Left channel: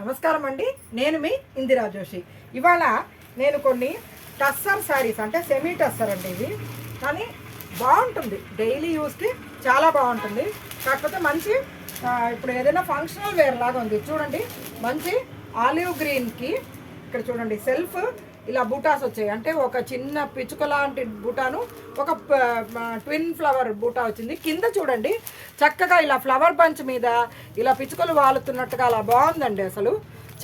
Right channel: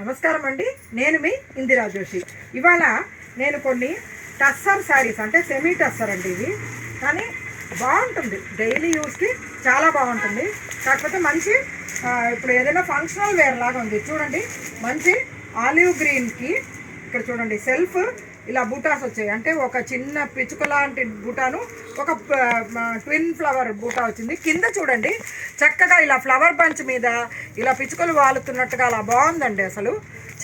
నమస్కారం అండి. నేను మీ ఇందిరా జోషి. ఇవాళ నేను కొన్ని టస్సర్ శారీస్, అంటే సెమీ టస్సర్ అండి ఇవి, కానీ బాగుంటుంది, డైలీ యూస్కి చాలా బాగుంటుంది. కాకపోతే మంచి ఇప్పుడు ఏదైనా ఫంక్షనల్ వేర్ లాగా ఉంది చూడండి. మంచి ఆలివ్ గ్రీన్కి ఇక్కడ చూడండి సెల్ఫ్ ఇలా బూటాస్ వచ్చాయి. అంటే ఒక చిన్న పిచ్చుక లాంటి బూటాను, ఒక ట్విన్ ఫ్లవర్ బూటా వచ్చింది. కింద చూడండి చక్కగా ఇలా ఫ్లవర్ బంచ్ మీద ఇలా పిచ్చుకలు వాలుతున్నట్టుగా అలా బాగుందండి. అసలు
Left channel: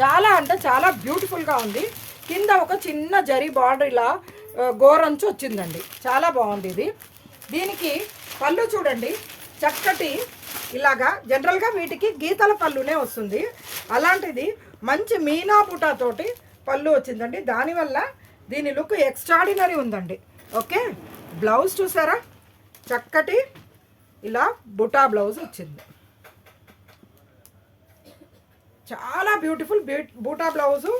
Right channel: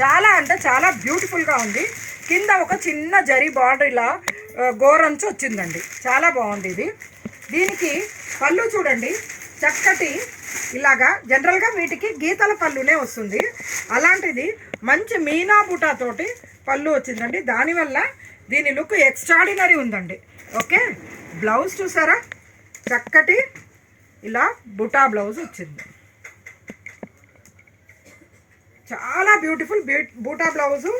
చాలా అంటే చాలా బ్యూటిఫుల్గా ఉంది. కింద ఒక చిన్న జరీ బార్డర్ ఇలా గోరంచు వచ్చిందండి, చాలా బాగుంది ఇది. దీనికి పళ్ళు చూడండి చక్కటి ఇలాగా, జనరల్గా వీటికి గీతల పళ్ళునే వస్తుంది, అలాంటిది మంచి మీనా బూటాతోటి పళ్ళు వచ్చిందండి. దానివల్ల దీని లుక్ ఎక్స్ట్రాడినరీ ఉందండి. ఓకే, బ్లౌజ్ చూసారా, చక్కటి ఇలా బుటా బ్లౌజ్ వచ్చింది, చాలా బ్యూటిఫుల్ బూటా బ్లౌజు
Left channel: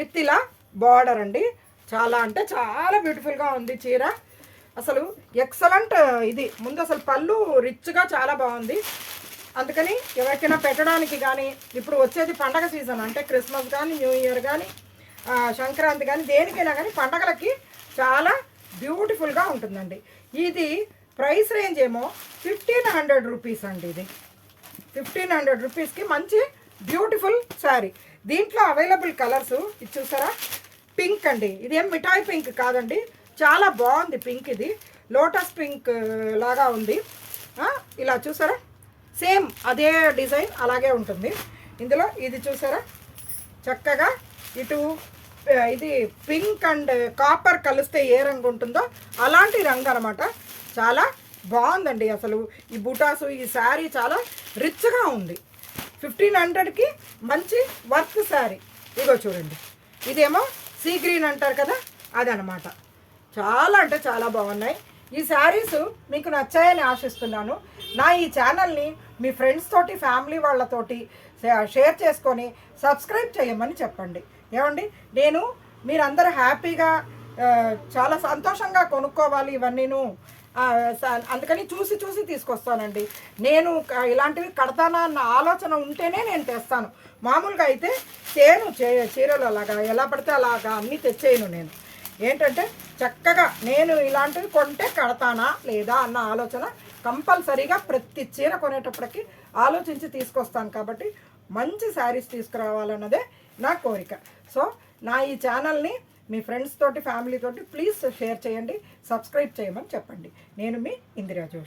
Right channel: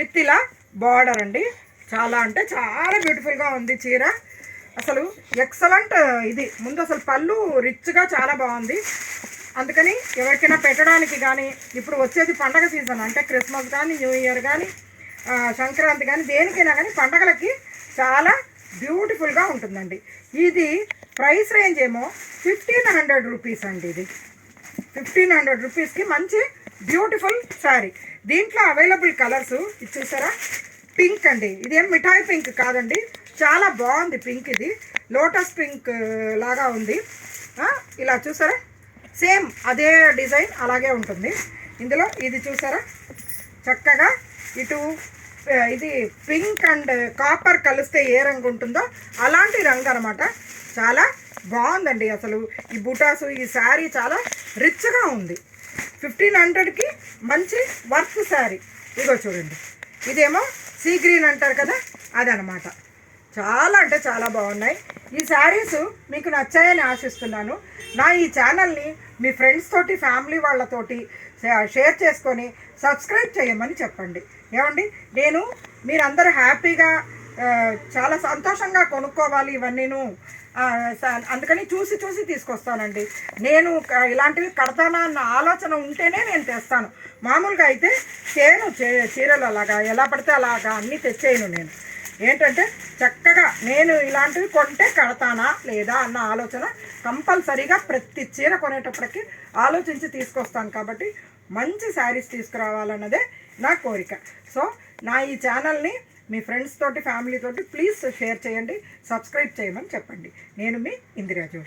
విత్ ఇలా బార్డర్ అండి. చాలా అంటే చాలా బ్యూటిఫుల్గా ఉంది చీర, అసలు ఎక్సలెంట్. ఇది ముందు అసలు పళ్ళు రిచ్గా చాలా బాగుంది. అందుకని ఎవరికైనా పెట్టడానికి కానీ, ఇప్పుడు వచ్చేది పండగ సీజన్, అంటే క్రిస్మస్ కానీ, న్యూ ఇయర్ కానీ, సంక్రాంతి కానీ, దేనికైనా కానీ పండగలకి చాలా బ్యూటిఫుల్గా ఉంటుందండి. ఇది ప్రైస్ రేంజ్ ఏమో 1500 రూపీస్ అండి. ఇది 1500 రూపీస్కి మంచి బ్యూటిఫుల్ శారీ. దీంట్లో అవైలబుల్ కలర్స్ ఇది చూసారా, పింక్ అండి. ఇదేం మిఠాయి పింక్ కాదండి, చాలా బాగుంది పింక్. ఇది లోటస్ పింక్ లాగా ఉంది. ఇలా చూసారా, సేమ్ అదే డిజైన్ అలాగే ఉంటుంది. ఇందులో ఇది చూసారా చక్కగా, ఇటు ఇది పింక్ అండ్ కాపర్ కలిస్తే ఏ రంగు ఉంటుందో అలాంటి రంగు అనమాట. చాలా బాగుందండి. అసలు ఈ బుటాసు, ఈ శారీ చాలా రిచ్గా ఉంది. 1500కి మంచి వర్క్ శారీ. ఇదిగో చూడండి, ఇదేమో సీ గ్రీన్ అంటారు కదా, అదనమాట. చాలా అంటే చాలా బాగున్నాయి. ఈ శారీస్ మీకు నచ్చాయని ఆశిస్తున్నాను. నా ఈ ఛానల్ని మీ ఫ్రెండ్స్ తోటి, ఫ్యామిలీ వాళ్ళతోటి షేర్ చేసుకొని సబ్స్క్రైబ్ చేయమని చెప్పండి. ఏమండి, నేను మీరందరూ హ్యాపీగా చాలా సంతోషంగా కొనుక్కోవాలి ఇవన్నీను. అందుకని చూసి చూసి తీసుకొస్తానండి. నేను ఇలాంటివి కడతానా అన్న ఆలోచన ఉంటేనే నేను తెస్తాను. మామూలుగా అయితే చీరలు అలాగా ఎలా పడితే అలాగా అన్నీ తెచ్చేయను. నేను ఏంటంటే చక్కగా నేను ఇలాంటివి కొంటే కడతానా లేదా అన్న ఆలోచన కంపల్సరీగా ప్రతి చీర కొనేటప్పటికి ఆలోచించి తీసుకొస్తాను. కాబట్టి మంచి శారీస్ తీసుకురావాలన్నదే నా కోరిక. సో నా ఈ ఛానల్ని మీ ఫ్రెండ్స్ తోటి, ఫ్యామిలీ తోటి ప్లీజ్ షేర్ చేయండి, సబ్స్క్రైబ్ చేయమని చెప్పండి. నేను మీ ఇందిరా జోషి.